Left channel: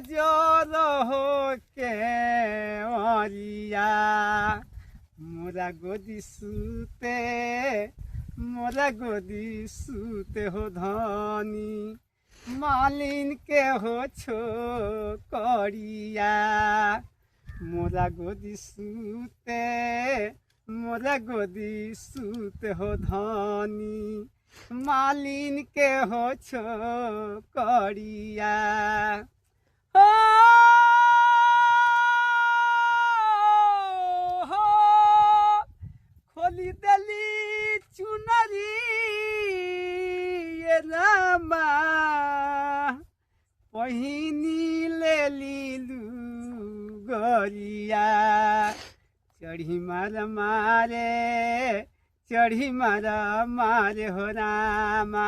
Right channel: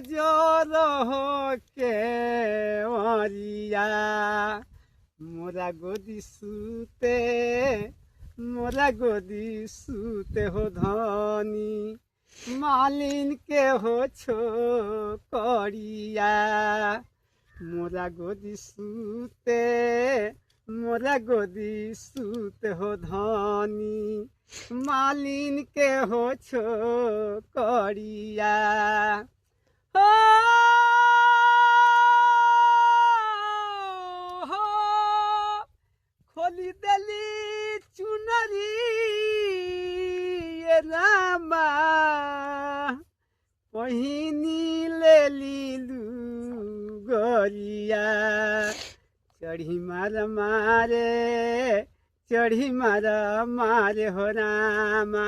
नजर के ओरिया मोरा गोदी सूते हो धनी मालिन के हो छोकरिया मोरा गोदी सूते हो धनी मालिन के हो छोकरिया हो खोली दली चुनरी रामा पहिनी ले लीलू गरिया चढ़ी मार मारे हो रामा।